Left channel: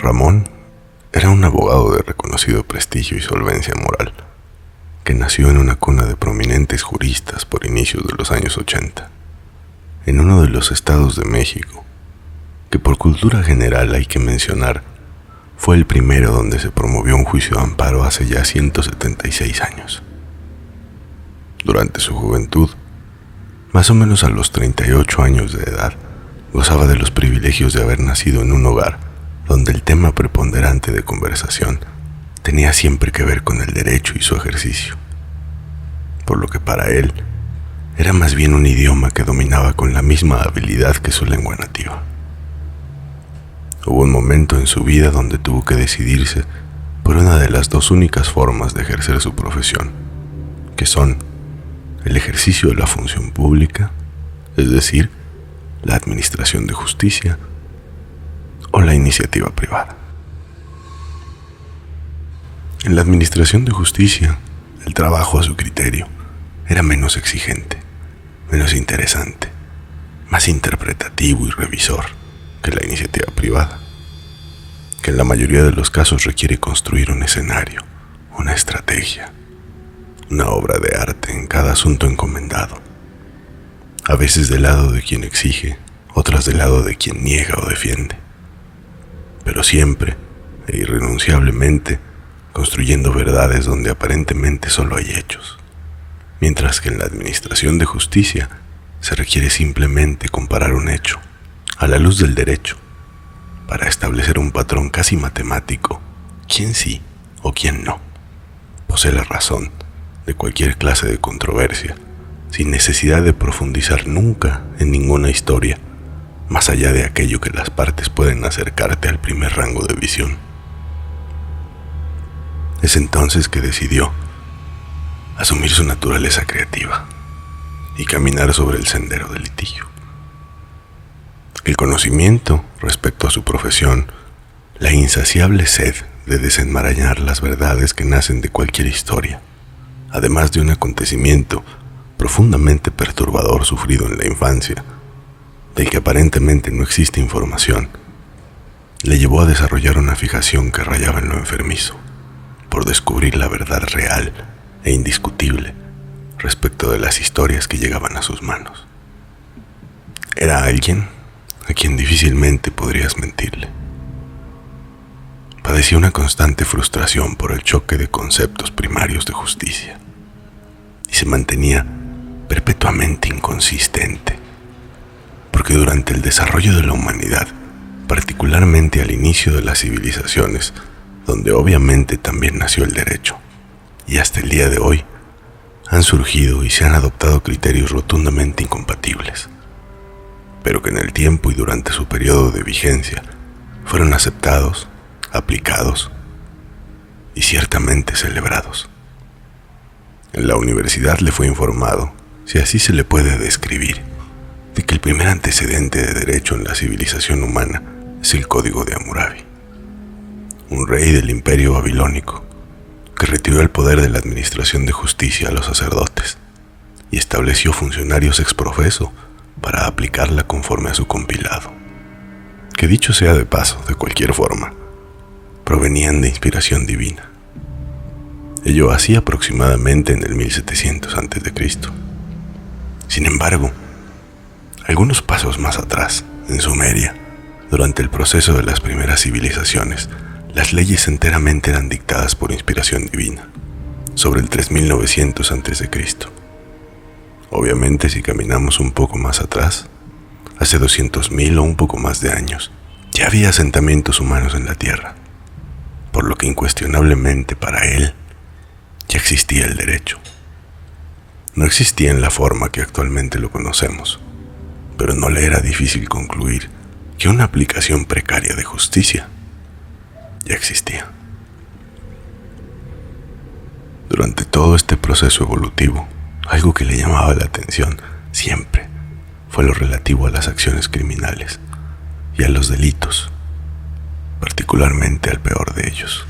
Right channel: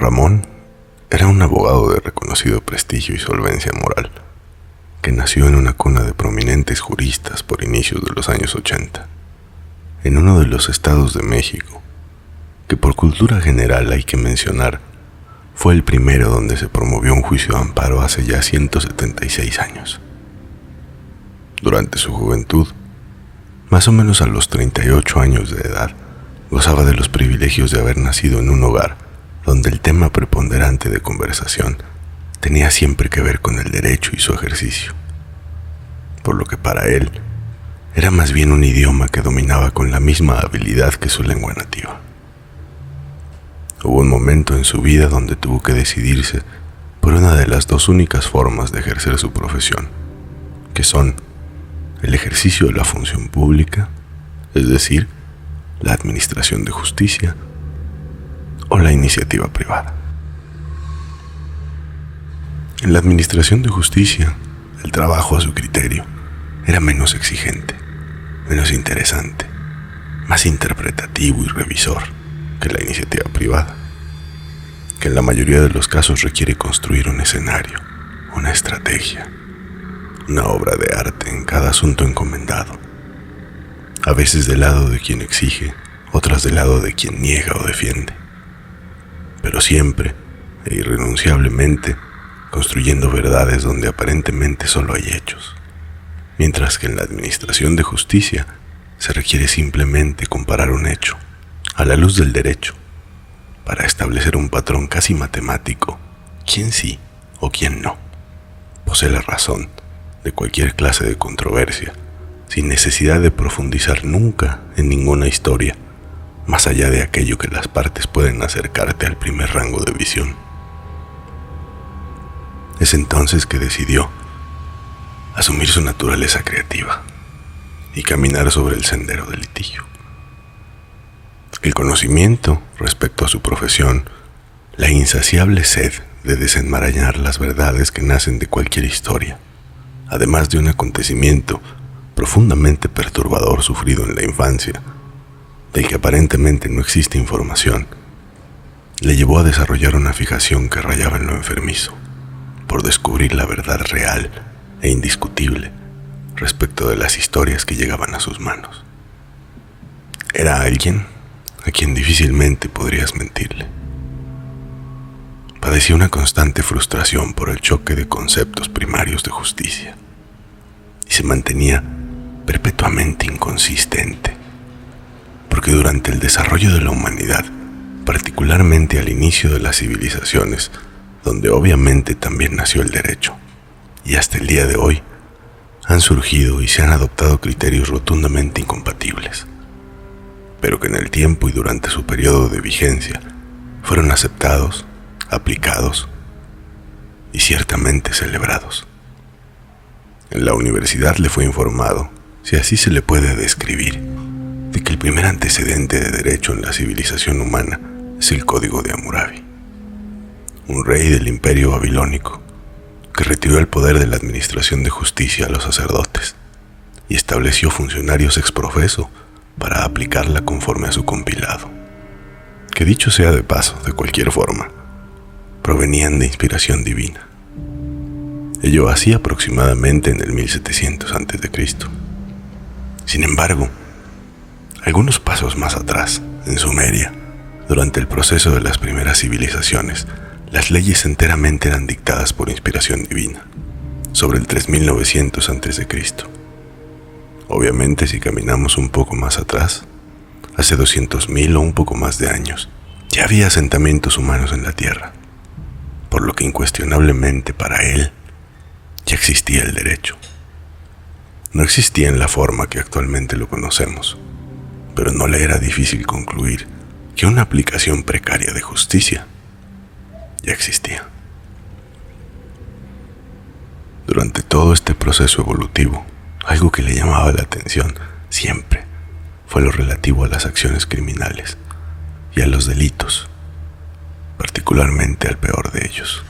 Ramón era un abogado de reconocido prestigio y solvencia moral, que nació en una cuna de prominentes juristas por inicios de los años 80, en uno de los estados de México, que por cultura general hay que mencionar, fue el primero donde se promovió un juicio de amparo hace ya 176 años. Durante su juventud, más o menos a los 38 años de edad, gozaba de los privilegios de haber nacido en un hogar donde el tema preponderante de conversación tenía siempre que ver con el derecho y su ejercicio, por lo que para él era más bien un idioma que dominaba con la misma habilidad que su lengua nativa. Hubo un momento en su vida donde tuvo que decidirse por una de las dos únicas formas de ejercer su profesión, que son el ejercicio de la función pública, es decir, la administración de justicia, o la iniciativa privada. En la administración de justicia, el trabajo a su criterio era menos exigente, menos interesante, más interpretativo y revisor que la iniciativa privada, que en la mayoría de los casos requiere construir un escenario, una estrategia, una obra de arte en cada asunto encomendado, a veces del lado de quien exige, otras del lado de quien niega o defiende, pero siempre e irrenunciablemente construyendo verdades donde aparentemente solo hay hechos, mientras que en la administración de justicia se requiere simplemente comparar un hecho a la luz del derecho para establecer un patrón casi matemático, quién sí o quién no posee la razón de cualquier clase de controversia, sin necesidad de profundizar nunca en ninguna historia, más allá de aquello que las partes pueden acercarte al primer rango de visión. Es entonces que decidió asumir su naturaleza creativa y caminar sobre el sendero del litigio. El conocimiento respecto a su profesión, la insaciable sed de desenmarañar las verdades que nacen de cualquier historia, además de un acontecimiento profundamente perturbador sufrido en la infancia, del que aparentemente no existe información, le llevó a desarrollar una fijación que rayaba en lo enfermizo, por descubrir la verdad real e indiscutible respecto de las historias que llegaban a sus manos. Era alguien a quien difícilmente podrías mentirle. Padecía una constante frustración por el choque de conceptos primarios de justicia y se mantenía perpetuamente inconsistente, porque durante el desarrollo de la humanidad, particularmente al inicio de las civilizaciones, donde obviamente también nació el derecho, y hasta el día de hoy, han surgido y se han adoptado criterios rotundamente incompatibles, pero que en el tiempo y durante su periodo de vigencia fueron aceptados, aplicados y ciertamente celebrados. En la universidad le fue informado, si así se le puede describir, de que el primer antecedente de derecho en la civilización humana es el Código de Hammurabi, un rey del imperio babilónico que retiró el poder de la administración de justicia a los sacerdotes y estableció funcionarios ex profeso para aplicarla conforme a su compilado, que dicho sea de paso, de cualquier forma, provenían de inspiración divina. Ello hacía aproximadamente en el 1700 a.C. Sin embargo, algunos pasos más atrás, en Sumeria, durante el proceso de las primeras civilizaciones, las leyes enteramente eran dictadas por inspiración divina, sobre el 3900 a.C. Obviamente, si caminamos un poco más atrás, hace 200.000 o un poco más de años, ya había asentamientos humanos en la Tierra, por lo que incuestionablemente para él ya existía el derecho. No existía en la forma que actualmente lo conocemos, pero no le era difícil concluir que una aplicación precaria de justicia ya existía. Durante todo este proceso evolutivo, algo que le llamaba la atención siempre fue lo relativo a las acciones criminales y a los delitos, particularmente al peor de ellos,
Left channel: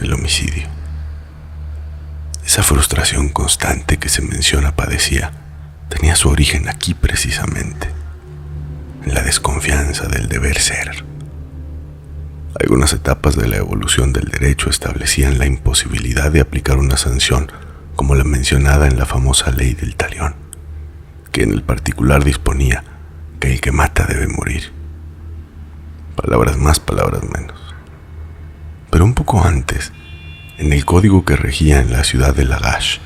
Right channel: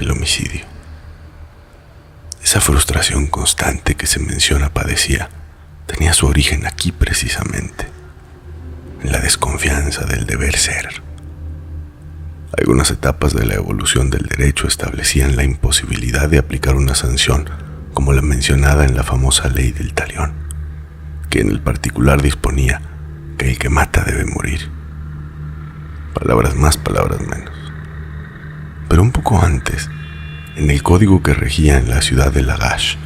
el homicidio. Esa frustración constante que se menciona padecía tenía su origen aquí precisamente, en la desconfianza del deber ser. Algunas etapas de la evolución del derecho establecían la imposibilidad de aplicar una sanción como la mencionada en la famosa ley del talión, que en el particular disponía que el que mata debe morir. Palabras más, palabras menos. Pero un poco antes, en el código que regía en la ciudad de Lagash,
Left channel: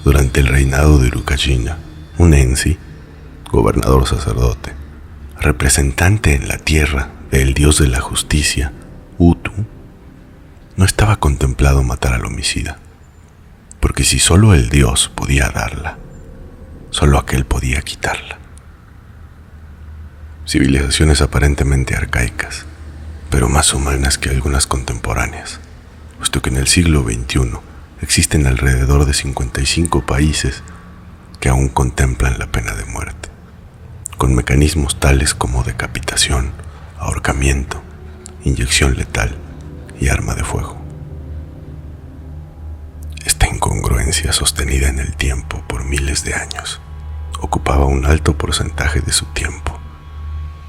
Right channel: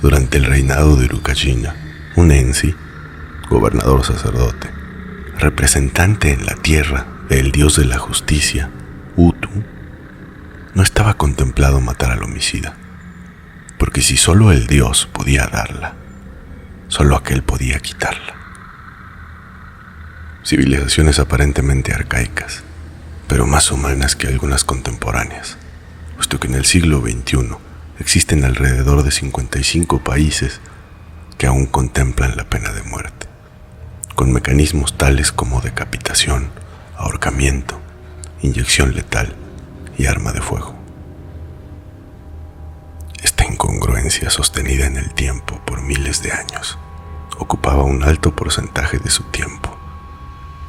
durante el reinado de Lucachina, un Ensi, gobernador sacerdote, representante en la tierra del dios de la justicia, Utu, no estaba contemplado matar al homicida, porque si solo el dios podía darla, solo aquel podía quitarla. Civilizaciones aparentemente arcaicas, pero más humanas que algunas contemporáneas, puesto que en el siglo XXI existen alrededor de 55 países que aún contemplan la pena de muerte, con mecanismos tales como decapitación, ahorcamiento, inyección letal y arma de fuego. Esta incongruencia sostenida en el tiempo por miles de años ocupaba un alto porcentaje de su tiempo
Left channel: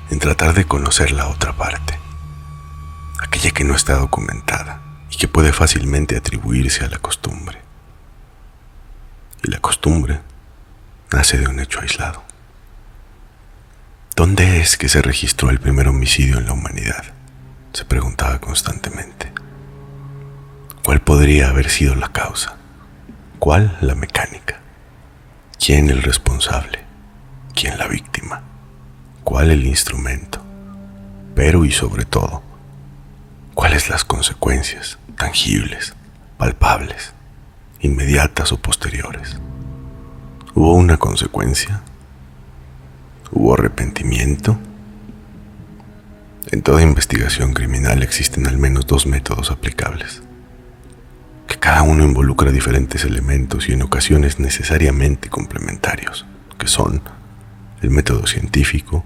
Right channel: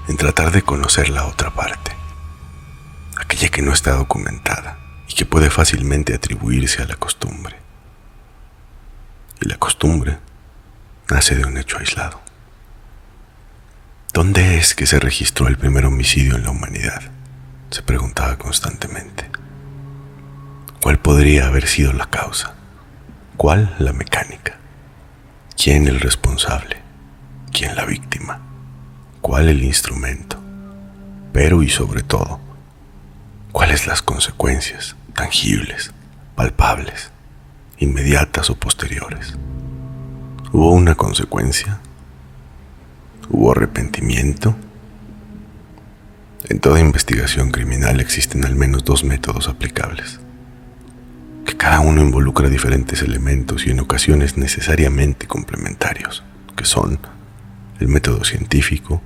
en tratar de conocer la otra parte, aquella que no está documentada y que puede fácilmente atribuirse a la costumbre. Y la costumbre nace de un hecho aislado. ¿Dónde es que se registró el primer homicidio en la humanidad?, se preguntaba constantemente. ¿Cuál podría haber sido la causa? ¿Cuál la mecánica? ¿Quién el responsable? ¿Quién la víctima? ¿Cuál el instrumento? Pero y sobre todo, ¿cuáles las consecuencias, tangibles, palpables, inmediatas o posteriores? ¿Hubo una consecuencia? ¿Hubo arrepentimiento? En toda investigación criminal existen al menos dos métodos aplicables, que cada uno involucra diferentes elementos y en ocasiones necesariamente complementarios, que son el método científico,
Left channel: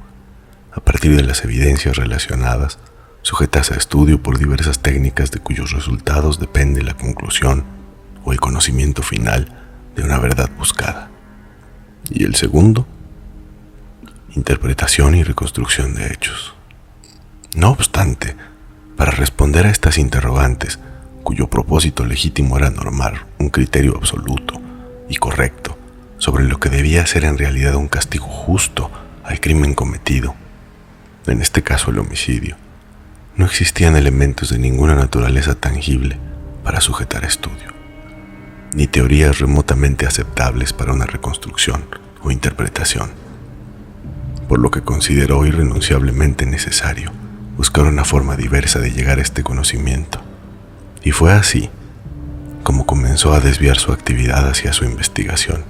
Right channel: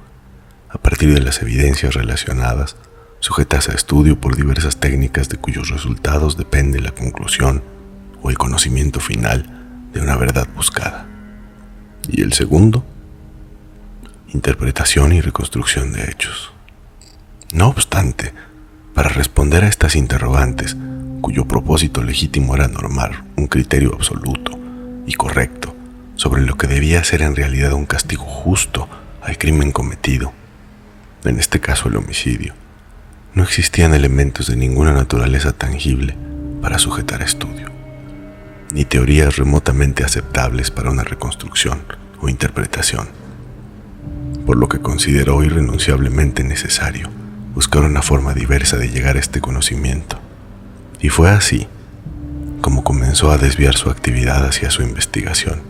a partir de las evidencias relacionadas, sujetas a estudio por diversas técnicas de cuyos resultados depende la conclusión o el conocimiento final de una verdad buscada. Y el segundo, interpretación y reconstrucción de hechos. No obstante, para responder a estas interrogantes, cuyo propósito legítimo era normar un criterio absoluto y correcto sobre lo que debía ser en realidad un castigo justo al crimen cometido, en este caso el homicidio, no existían elementos de ninguna naturaleza tangible para sujetar estudio, ni teorías remotamente aceptables para una reconstrucción o interpretación, por lo que consideró irrenunciablemente necesario buscar una forma diversa de llegar a este conocimiento. Y fue así como comenzó a desviar su actividad hacia su investigación,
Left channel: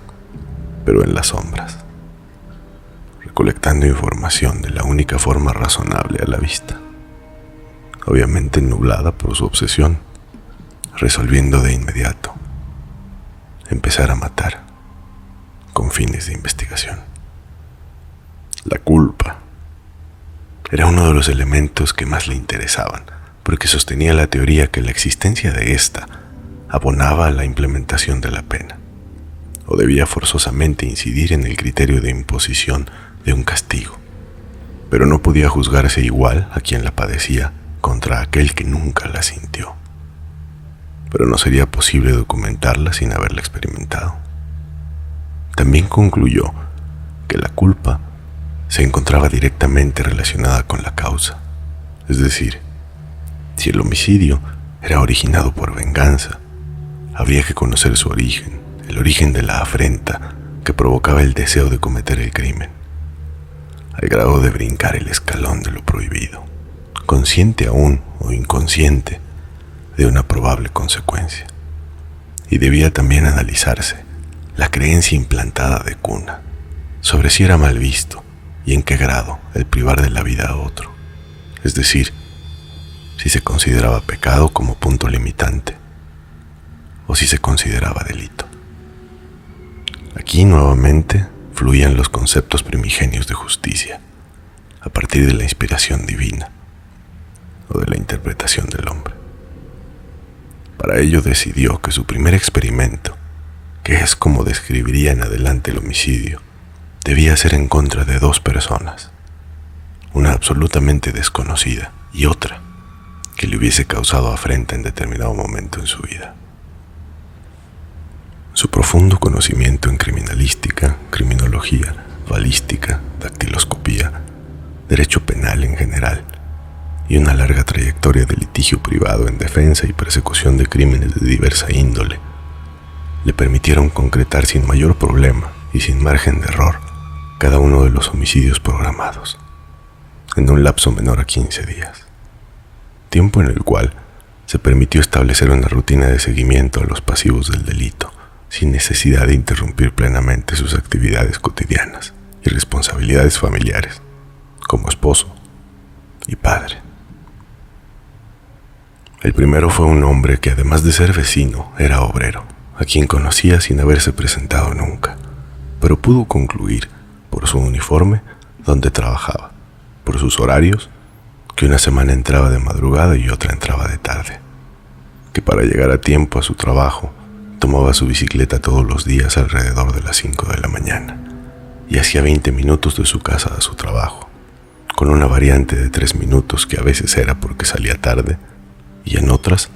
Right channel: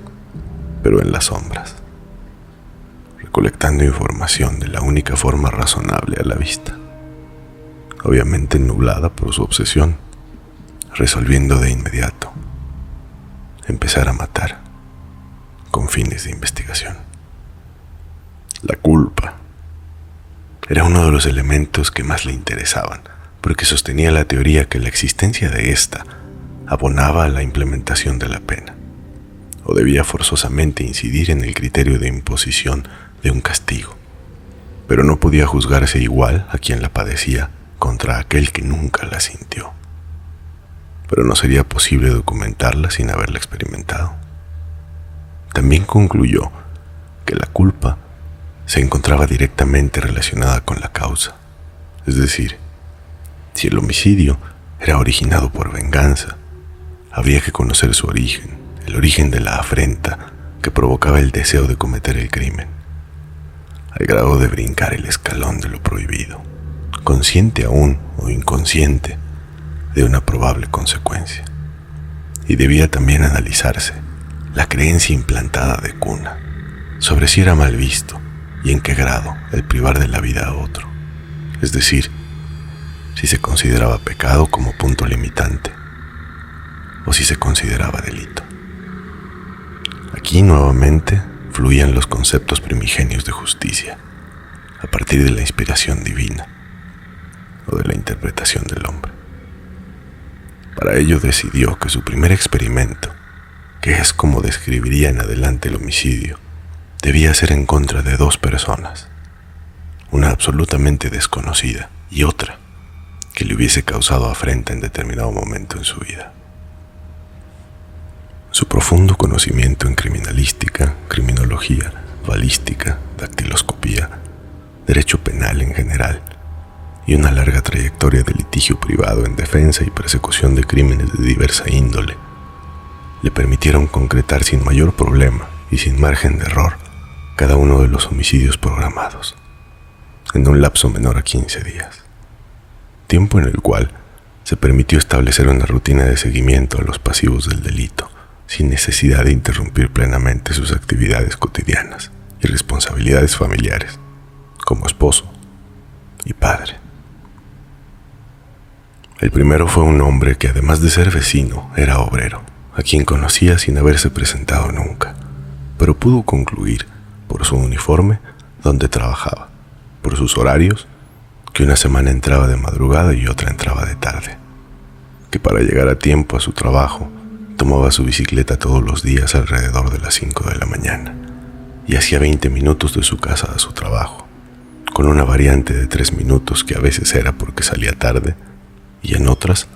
pero en las sombras, recolectando información de la única forma razonable a la vista, obviamente nublada por su obsesión, resolviendo de inmediato empezar a matar con fines de investigación. La culpa era uno de los elementos que más le interesaban, porque sostenía la teoría que la existencia de ésta abonaba a la implementación de la pena, o debía forzosamente incidir en el criterio de imposición de un castigo, pero no podía juzgarse igual a quien la padecía contra aquel que nunca la sintió. Pero no sería posible documentarla sin haberla experimentado. También concluyó que la culpa se encontraba directamente relacionada con la causa, es decir, si el homicidio era originado por venganza, había que conocer su origen, el origen de la afrenta que provocaba el deseo de cometer el crimen, al grado de brincar el escalón de lo prohibido, consciente aún o inconsciente de una probable consecuencia. Y debía también analizarse la creencia implantada de cuna sobre si era mal visto y en qué grado el privar de la vida a otro, es decir, si se consideraba pecado como punto limitante o si se consideraba delito. Aquí nuevamente fluían los conceptos primigenios de justicia a partir de la inspiración divina o de la interpretación del hombre. Para ello decidió que su primer experimento que es como describiría en adelante el homicidio, debía ser en contra de dos personas, una absolutamente desconocida y otra que le hubiese causado afrenta en determinado momento en su vida. Su profundo conocimiento en criminalística, criminología, balística, dactiloscopía, derecho penal en general, y una larga trayectoria de litigio privado en defensa y persecución de crímenes de diversa índole, le permitieron concretar sin mayor problema y sin margen de error cada uno de los homicidios programados, en un lapso menor a 15 días, tiempo en el cual se permitió establecer una rutina de seguimiento a los pasivos del delito, sin necesidad de interrumpir plenamente sus actividades cotidianas y responsabilidades familiares, como esposo y padre. El primero fue un hombre que, además de ser vecino, era obrero, a quien conocía sin haberse presentado nunca, pero pudo concluir, por su uniforme, dónde trabajaba, por sus horarios, que una semana entraba de madrugada y otra entraba de tarde, que para llegar a tiempo a su trabajo tomaba su bicicleta todos los días alrededor de las 5 de la mañana y hacía 20 minutos de su casa a su trabajo, con una variante de 3 minutos que a veces era porque salía tarde y en otras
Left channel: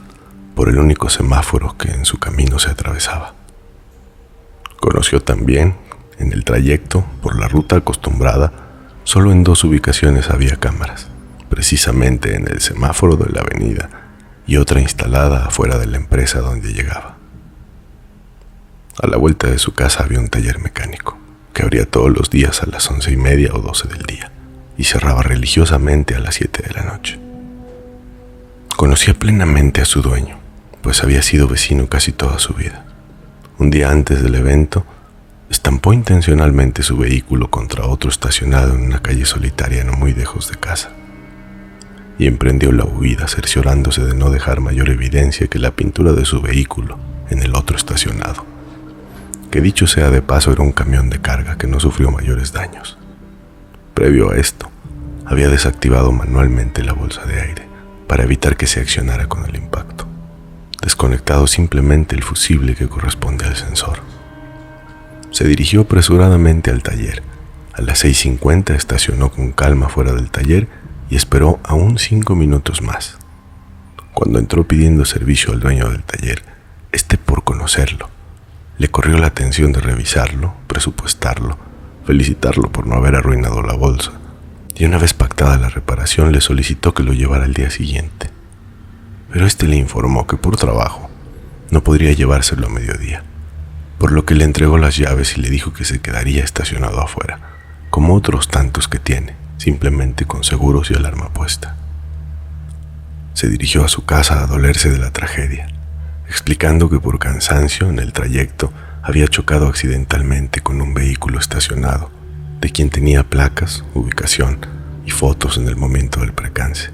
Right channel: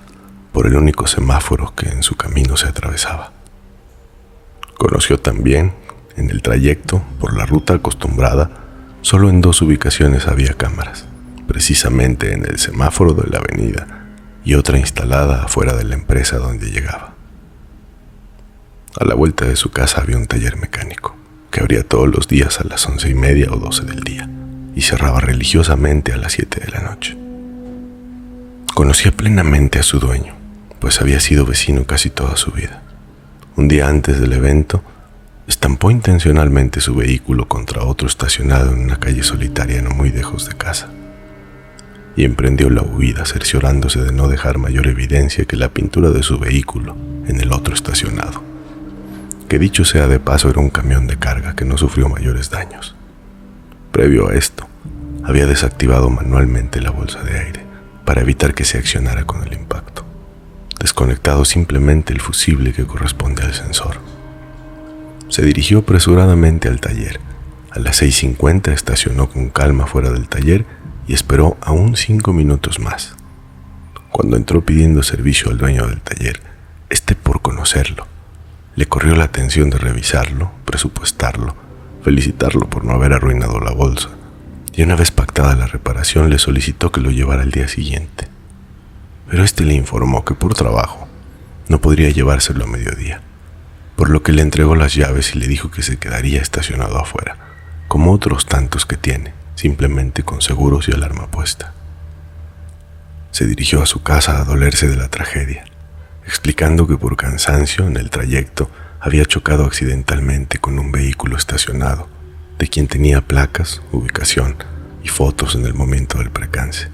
por el único semáforo que en su camino se atravesaba. Conoció también, en el trayecto por la ruta acostumbrada, solo en 2 ubicaciones había cámaras, precisamente en el semáforo de la avenida y otra instalada afuera de la empresa donde llegaba. A la vuelta de su casa había un taller mecánico, que abría todos los días a las 11:30 o 12 del día, y cerraba religiosamente a las 7 de la noche. Conocía plenamente a su dueño, pues había sido vecino casi toda su vida. Un día antes del evento, estampó intencionalmente su vehículo contra otro estacionado en una calle solitaria no muy lejos de casa, y emprendió la huida cerciorándose de no dejar mayor evidencia que la pintura de su vehículo en el otro estacionado, que dicho sea de paso era un camión de carga que no sufrió mayores daños. Previo a esto, había desactivado manualmente la bolsa de aire para evitar que se accionara con el impacto, desconectado simplemente el fusible que corresponde al sensor. Se dirigió apresuradamente al taller. A las 6:50 estacionó con calma fuera del taller y esperó aún 5 minutos más. Cuando entró pidiendo servicio al dueño del taller, por conocerlo, le corrió la atención de revisarlo, presupuestarlo, felicitarlo por no haber arruinado la bolsa, y una vez pactada la reparación le solicitó que lo llevara al día siguiente. Pero le informó que por trabajo no podría llevárselo a mediodía, por lo que le entregó las llaves y le dijo que se quedaría estacionado afuera, como otros tantos que tiene, simplemente con seguros y alarma puesta. Se dirigió a su casa a dolerse de la tragedia, explicando que por cansancio en el trayecto había chocado accidentalmente con un vehículo estacionado, de quien tenía placas, ubicación y fotos en el momento del percance,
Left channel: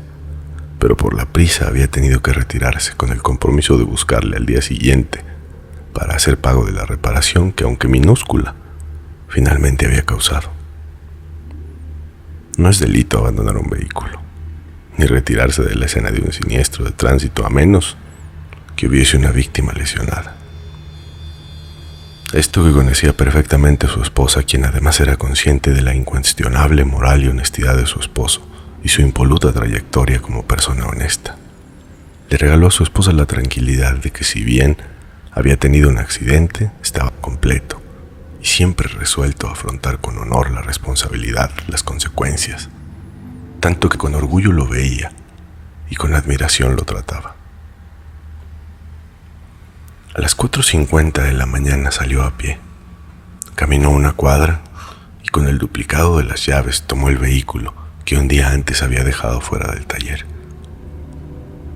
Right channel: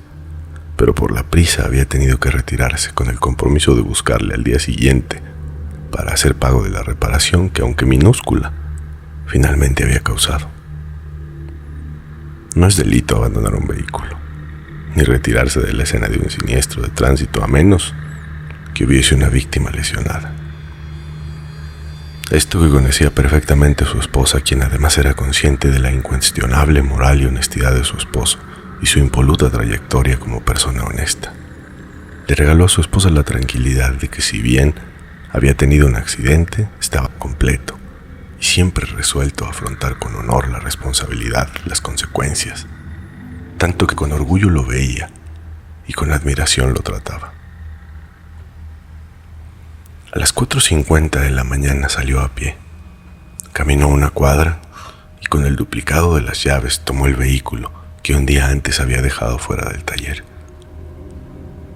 pero por la prisa había tenido que retirarse con el compromiso de buscarle al día siguiente para hacer pago de la reparación que, aunque minúscula, finalmente había causado. No es delito abandonar un vehículo, ni retirarse de la escena de un siniestro de tránsito, a menos que hubiese una víctima lesionada. Esto que conocía perfectamente a su esposa, quien además era consciente de la incuestionable moral y honestidad de su esposo y su impoluta trayectoria como persona honesta. Le regaló a su esposa la tranquilidad de que, si bien había tenido un accidente, estaba completo y siempre resuelto a afrontar con honor la responsabilidad, las consecuencias, tanto que con orgullo lo veía y con admiración lo trataba. A las 4:50 de la mañana salió a pie, caminó una cuadra y con el duplicado de las llaves tomó el vehículo que un día antes había dejado fuera del taller.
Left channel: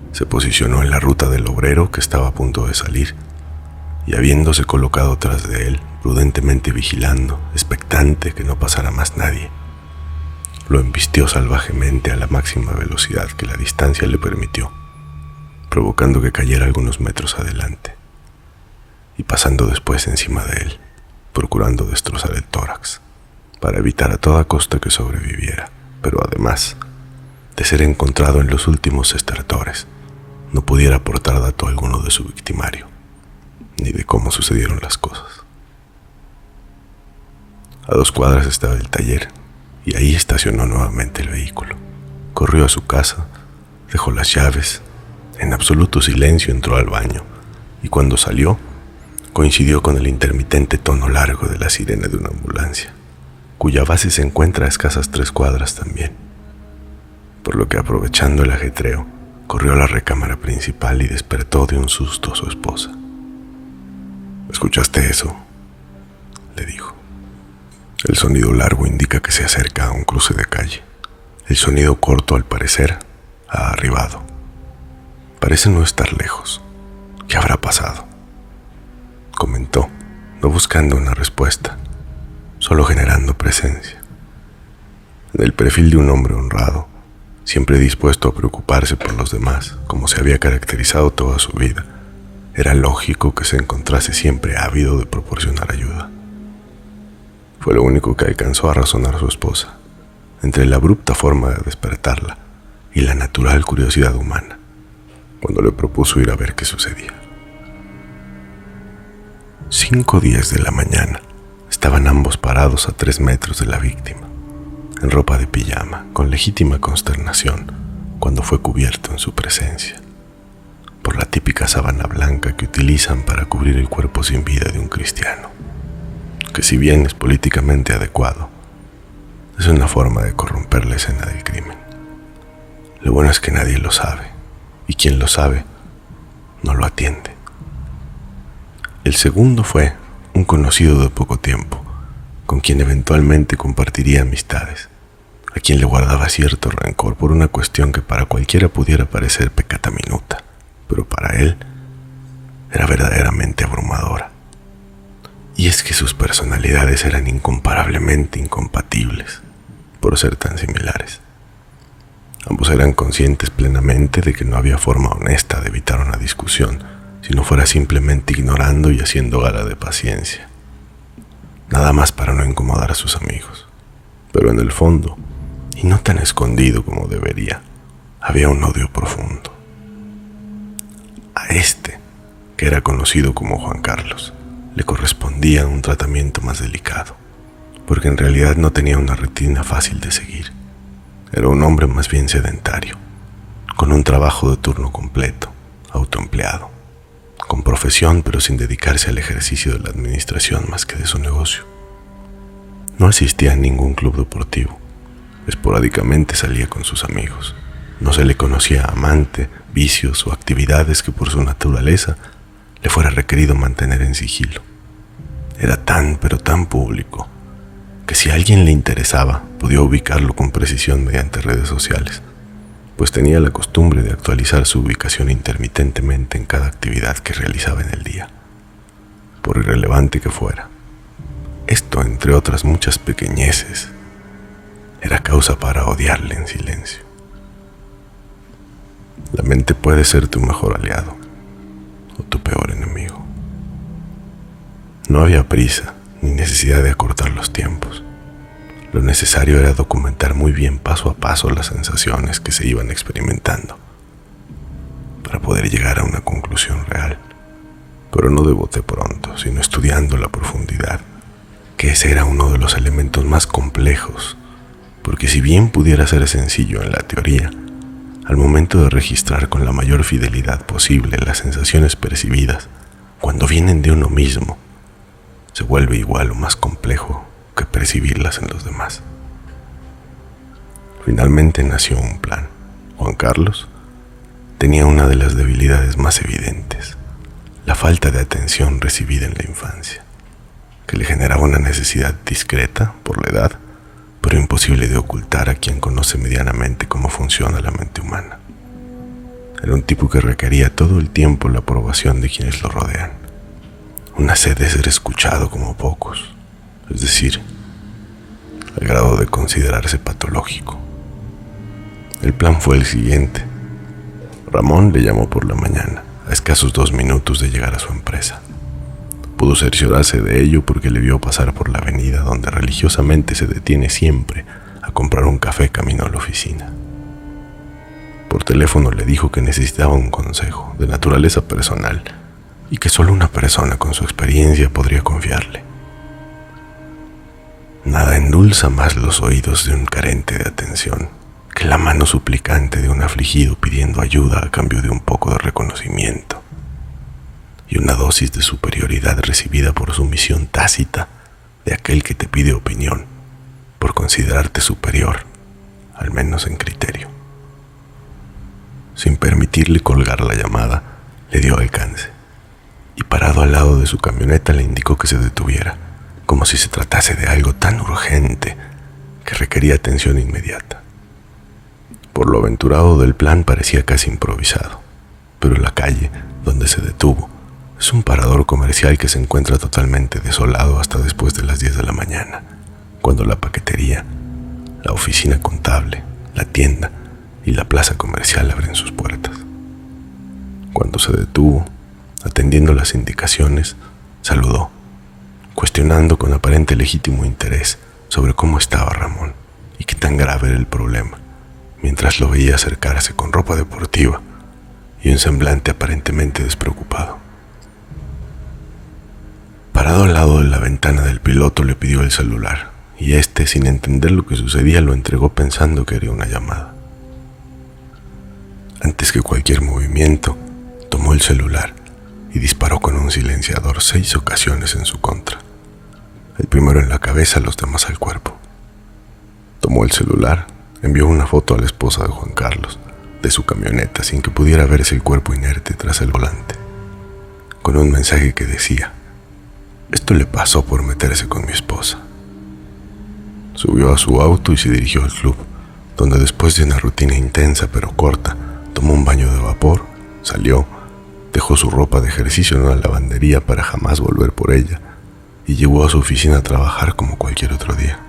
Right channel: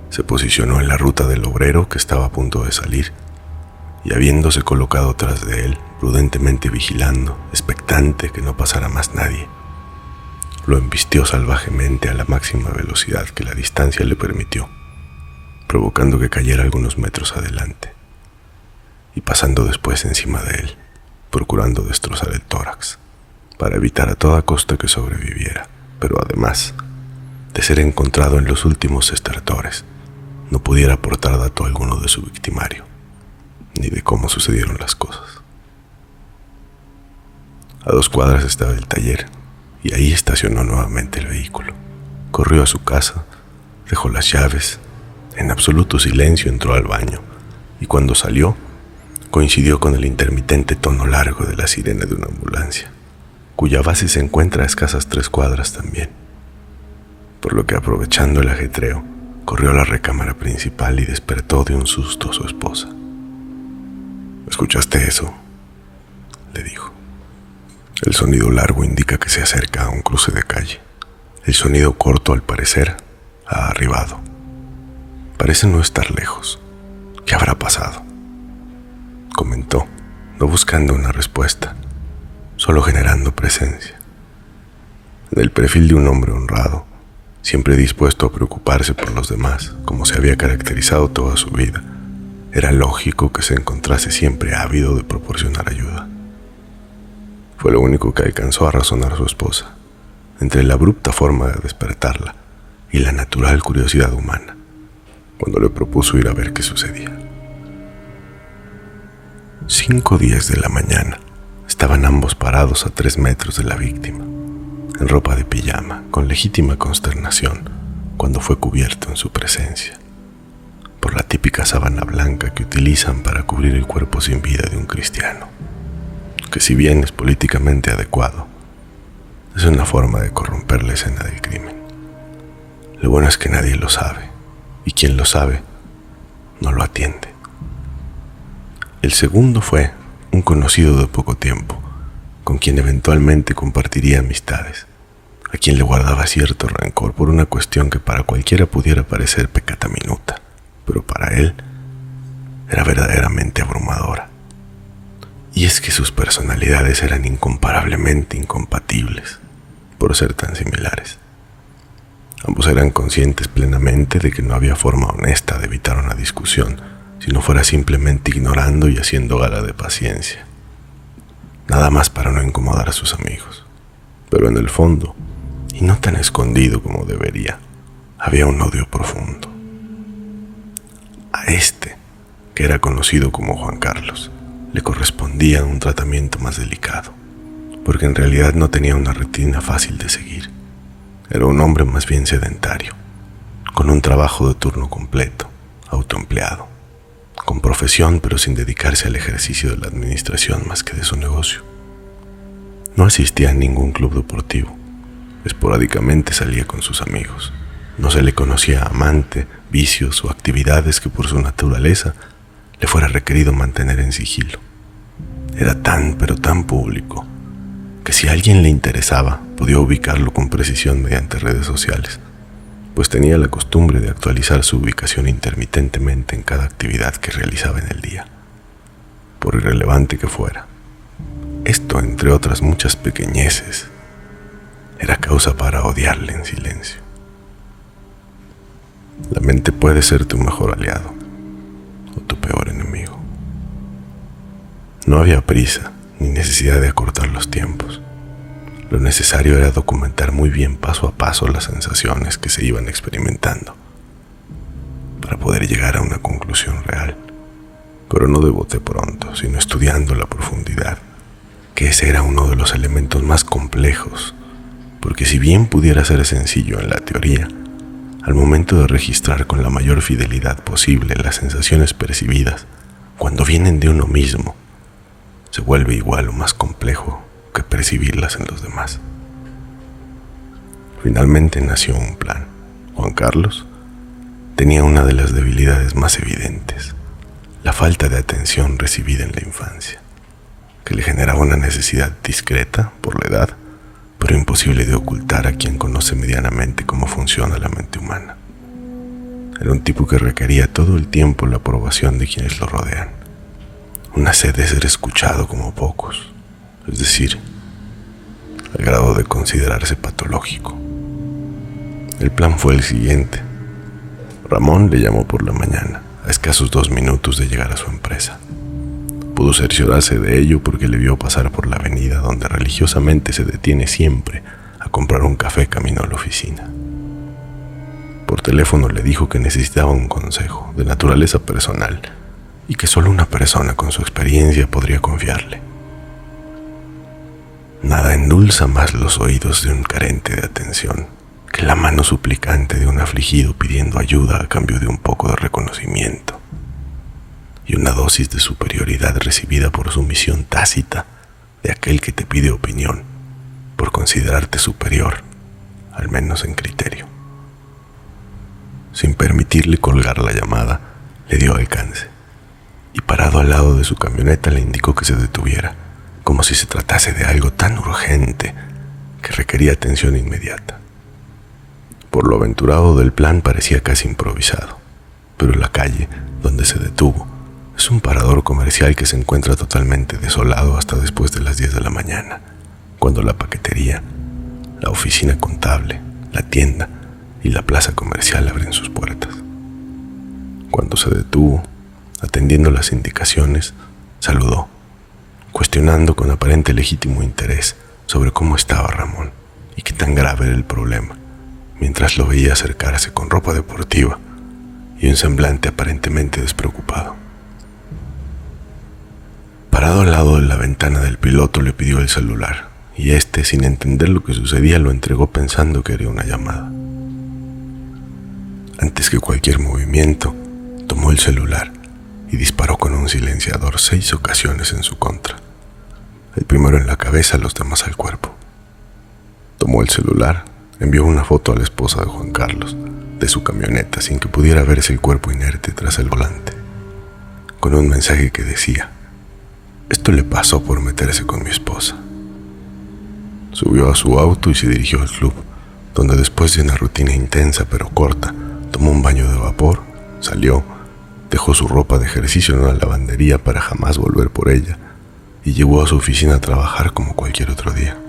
Se posicionó en la ruta del obrero que estaba a punto de salir y, habiéndose colocado tras de él, prudentemente vigilando, expectante que no pasara más nadie, lo embistió salvajemente a la máxima velocidad que la distancia le permitió, provocando que cayera algunos metros adelante y pasando después encima de él, procurando destrozar el tórax, para evitar a toda costa que sobreviviera, pero además, de ser encontrado en los últimos estertores, no pudiera aportar dato alguno de su victimario, ni de cómo sucedieron las cosas. A 2 cuadras estaba el taller, y ahí estacionó nuevamente el vehículo. Corrió a su casa, dejó las llaves, en absoluto silencio entró al baño, y cuando salió, coincidió con el intermitente tono largo de la sirena de una ambulancia, cuya base se encuentra a escasas 3 cuadras también. Por lo que, aprovechando el ajetreo, corrió a la recámara principal y despertó de un susto a su esposa. ¿Escuchaste eso?, le dijo. El sonido largo indica que se acerca a un cruce de calle. El sonido corto, al parecer, ha arribado. Parece no estar lejos. ¿Qué habrá pasado?, comentó, no buscando una respuesta, solo generando presencia. En el perfil de un hombre honrado, siempre dispuesto a preocuparse por los demás, como se había caracterizado toda su vida, era lógico que se encontrase siempre ávido de proporcionar ayuda. Fue lo único que alcanzó a razonar su esposa, entre la abrupta forma de despertarla y la natural curiosidad humana, cuando le propuso ir a ver qué sucedía. 5:10 de la mañana, estaban ambos parados a 3 metros de la víctima, en ropa de pijama, con legítima consternación, cuando fue cubierto en su presencia por la típica sábana blanca que utilizan para cubrir el cuerpo sin vida de un cristiano, que si bien es políticamente adecuado, es una forma de corromper la escena del crimen. Lo bueno es que nadie lo sabe, y quien lo sabe, no lo atiende. El segundo fue un conocido de poco tiempo, con quien eventualmente compartiría amistades, a quien le guardaba cierto rencor por una cuestión que para cualquiera pudiera parecer pecata minuta, pero para él era verdaderamente abrumadora. Y es que sus personalidades eran incomparablemente incompatibles, por ser tan similares. Ambos eran conscientes plenamente de que no había forma honesta de evitar una discusión, si no fuera simplemente ignorando y haciendo gala de paciencia. Nada más para no incomodar a sus amigos. Pero en el fondo, y no tan escondido como debería, había un odio profundo. A este, que era conocido como Juan Carlos, le correspondía un tratamiento más delicado, porque en realidad no tenía una rutina fácil de seguir. Era un hombre más bien sedentario, con un trabajo de turno completo, autoempleado, con profesión pero sin dedicarse al ejercicio de la administración más que de su negocio. No asistía a ningún club deportivo, esporádicamente salía con sus amigos. No se le conocía amante, vicios o actividades que por su naturaleza le fuera requerido mantener en sigilo. Era tan pero tan público que si a alguien le interesaba podía ubicarlo con precisión mediante redes sociales, pues tenía la costumbre de actualizar su ubicación intermitentemente en cada actividad que realizaba en el día, por irrelevante que fuera. Esto, entre otras muchas pequeñeces, era causa para odiarle en silencio. La mente puede ser tu mejor aliado o tu peor enemigo. No había prisa ni necesidad de acortar los tiempos. Lo necesario era documentar muy bien paso a paso las sensaciones que se iban experimentando para poder llegar a una conclusión real, pero no de bote pronto, sino estudiando la profundidad, que ese era uno de los elementos más complejos, porque si bien pudiera ser sencillo en la teoría, al momento de registrar con la mayor fidelidad posible las sensaciones percibidas, cuando vienen de uno mismo, se vuelve igual o más complejo que percibirlas en los demás. Finalmente nació un plan. Juan Carlos tenía una de las debilidades más evidentes, la falta de atención recibida en la infancia, que le generaba una necesidad discreta por la edad, pero imposible de ocultar a quien conoce medianamente cómo funciona la mente humana. Era un tipo que requería todo el tiempo la aprobación de quienes lo rodean, una sed de ser escuchado como pocos, es decir, al grado de considerarse patológico. El plan fue el siguiente. Ramón le llamó por la mañana, a escasos 2 minutos de llegar a su empresa. Pudo cerciorarse de ello porque le vio pasar por la avenida donde religiosamente se detiene siempre a comprar un café camino a la oficina. Por teléfono le dijo que necesitaba un consejo de naturaleza personal y que solo una persona con su experiencia podría confiarle. Nada endulza más los oídos de un carente de atención que la mano suplicante de un afligido pidiendo ayuda a cambio de un poco de reconocimiento y una dosis de superioridad recibida por sumisión tácita de aquel que te pide opinión por considerarte superior, al menos en criterio. Sin permitirle colgar la llamada, le dio alcance y parado al lado de su camioneta le indicó que se detuviera, como si se tratase de algo tan urgente que requería atención inmediata. Por lo aventurado del plan parecía casi improvisado, pero la calle donde se detuvo es un parador comercial que se encuentra totalmente desolado hasta después de las 10 de la mañana, cuando la paquetería, la oficina contable, la tienda y la plaza comercial abren sus puertas. Cuando se detuvo, atendiendo las indicaciones, saludó, cuestionando con aparente legítimo interés sobre cómo estaba Ramón y qué tan grave era el problema, mientras lo veía acercarse con ropa deportiva y un semblante aparentemente despreocupado. Parado al lado de la ventana del piloto le pidió el celular y éste, sin entender lo que sucedía, lo entregó pensando que era una llamada. Antes que cualquier movimiento, tomó el celular y disparó con un silenciador 6 ocasiones en su contra. El primero en la cabeza, los demás al cuerpo. Tomó el celular, envió una foto a la esposa de Juan Carlos de su camioneta sin que pudiera verse el cuerpo inerte tras el volante, con un mensaje que decía: esto le pasó por meterse con mi esposa. Subió a su auto y se dirigió al club, donde después de una rutina intensa pero corta, tomó un baño de vapor, salió, dejó su ropa de ejercicio en una lavandería para jamás volver por ella y llegó a su oficina a trabajar como cualquier otro día.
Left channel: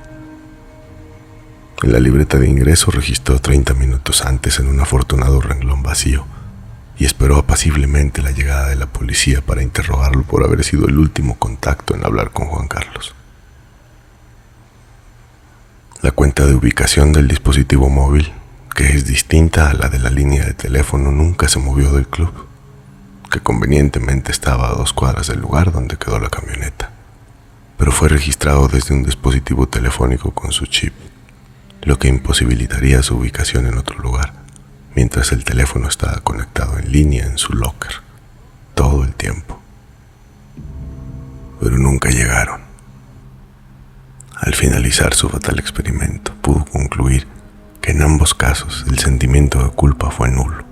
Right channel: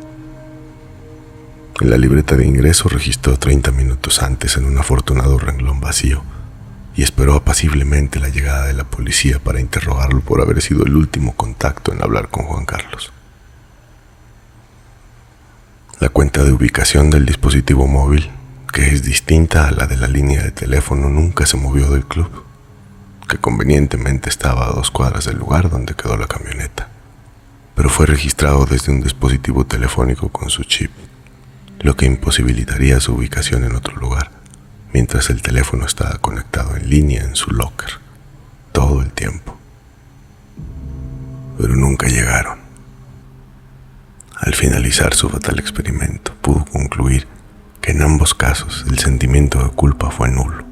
En la libreta de ingreso registró 30 minutos antes en un afortunado renglón vacío y esperó apaciblemente la llegada de la policía para interrogarlo por haber sido el último contacto en hablar con Juan Carlos. La cuenta de ubicación del dispositivo móvil, que es distinta a la de la línea de teléfono, nunca se movió del club, que convenientemente estaba a 2 cuadras del lugar donde quedó la camioneta, pero fue registrado desde un dispositivo telefónico con su chip, lo que imposibilitaría su ubicación en otro lugar, mientras el teléfono estaba conectado en línea en su locker, todo el tiempo. Pero nunca llegaron. Al finalizar su fatal experimento, pudo concluir que en ambos casos el sentimiento de culpa fue nulo.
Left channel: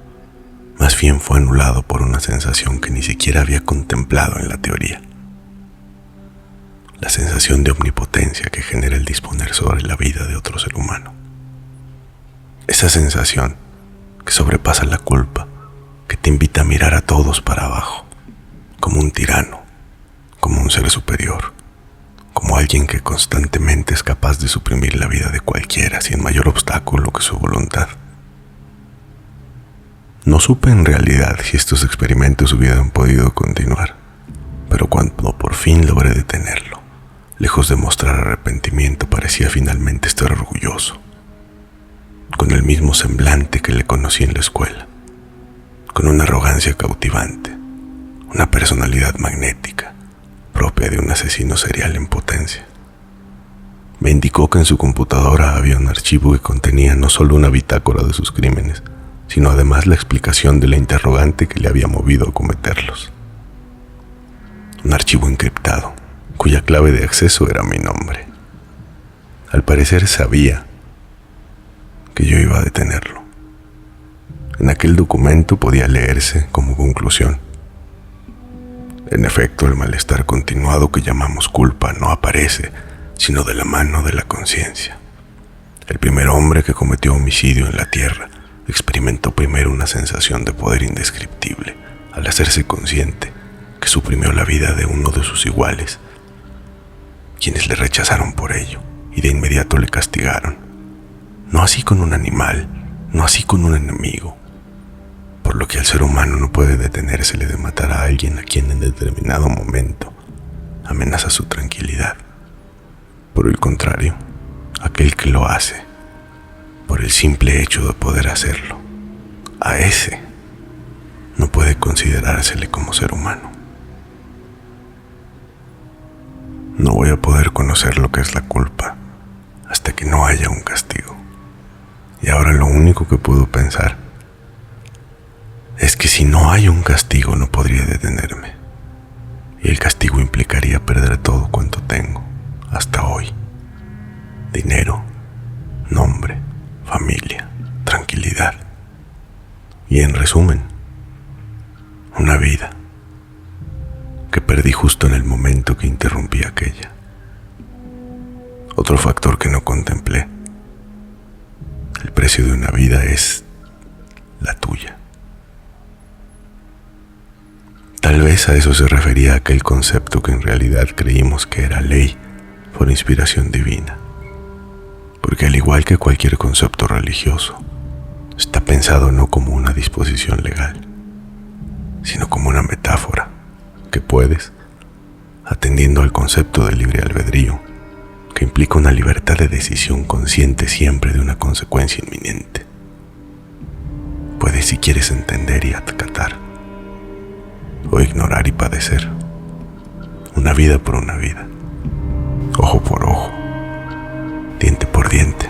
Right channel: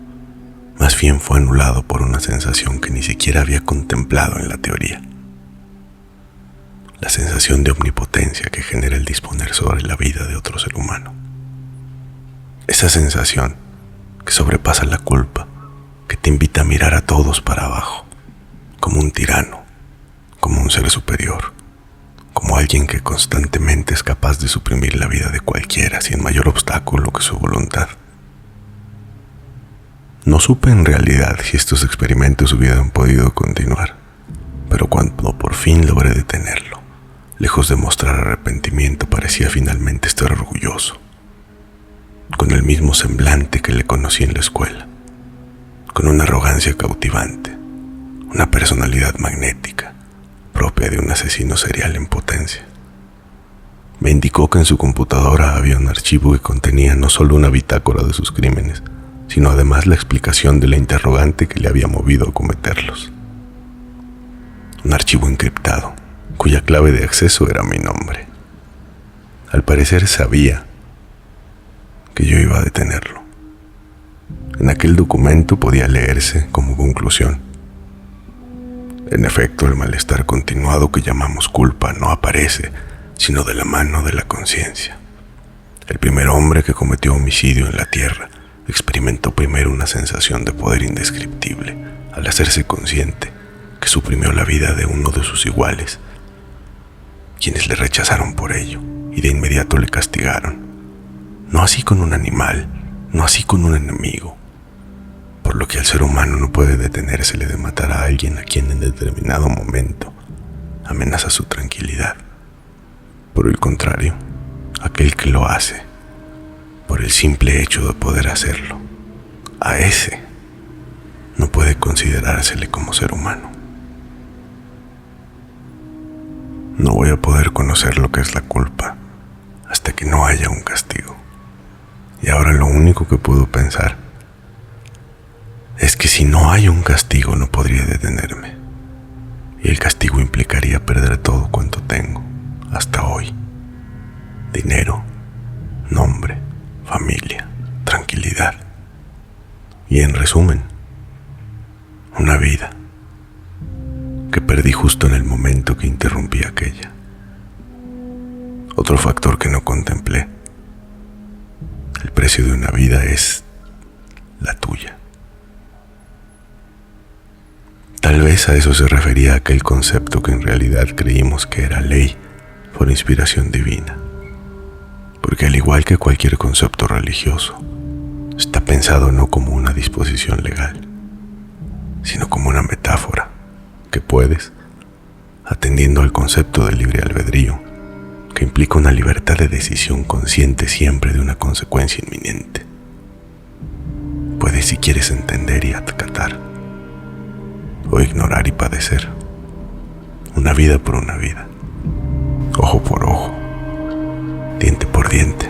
Más bien fue anulado por una sensación que ni siquiera había contemplado en la teoría. La sensación de omnipotencia que genera el disponer sobre la vida de otro ser humano. Esa sensación que sobrepasa la culpa, que te invita a mirar a todos para abajo, como un tirano, como un ser superior, como alguien que constantemente es capaz de suprimir la vida de cualquiera sin mayor obstáculo que su voluntad. No supe en realidad si estos experimentos hubieran podido continuar, pero cuando por fin logré detenerlo, lejos de mostrar arrepentimiento, parecía finalmente estar orgulloso, con el mismo semblante que le conocí en la escuela, con una arrogancia cautivante, una personalidad magnética, propia de un asesino serial en potencia. Me indicó que en su computadora había un archivo que contenía no solo una bitácora de sus crímenes, sino además la explicación de la interrogante que le había movido a cometerlos. Un archivo encriptado, cuya clave de acceso era mi nombre. Al parecer sabía que yo iba a detenerlo. En aquel documento podía leerse como conclusión: en efecto, el malestar continuado que llamamos culpa no aparece sino de la mano de la conciencia. El primer hombre que cometió homicidio en la tierra experimentó primero una sensación de poder indescriptible al hacerse consciente que suprimió la vida de uno de sus iguales, quienes le rechazaron por ello y de inmediato le castigaron. No así con un animal, no así con un enemigo, por lo que al ser humano no puede detenérsele de matar a alguien a quien en determinado momento amenaza su tranquilidad. Por el contrario, aquel que lo hace, por el simple hecho de poder hacerlo, a ese no puede considerársele como ser humano. No voy a poder conocer lo que es la culpa hasta que no haya un castigo. Y ahora lo único que puedo pensar es que si no hay un castigo no podría detenerme. Y el castigo implicaría perder todo cuanto tengo hasta hoy. Dinero, nombre, familia, tranquilidad. Y en resumen, una vida que perdí justo en el momento que interrumpí aquella. Otro factor que no contemplé: el precio de una vida es la tuya. Tal vez a eso se refería aquel concepto que en realidad creímos que era ley por inspiración divina. Porque al igual que cualquier concepto religioso, está pensado no como una disposición legal, sino como una metáfora que puedes, atendiendo al concepto de libre albedrío, que implica una libertad de decisión consciente siempre de una consecuencia inminente, puedes, si quieres, entender y acatar, o ignorar y padecer, una vida por una vida, ojo por ojo, diente por diente,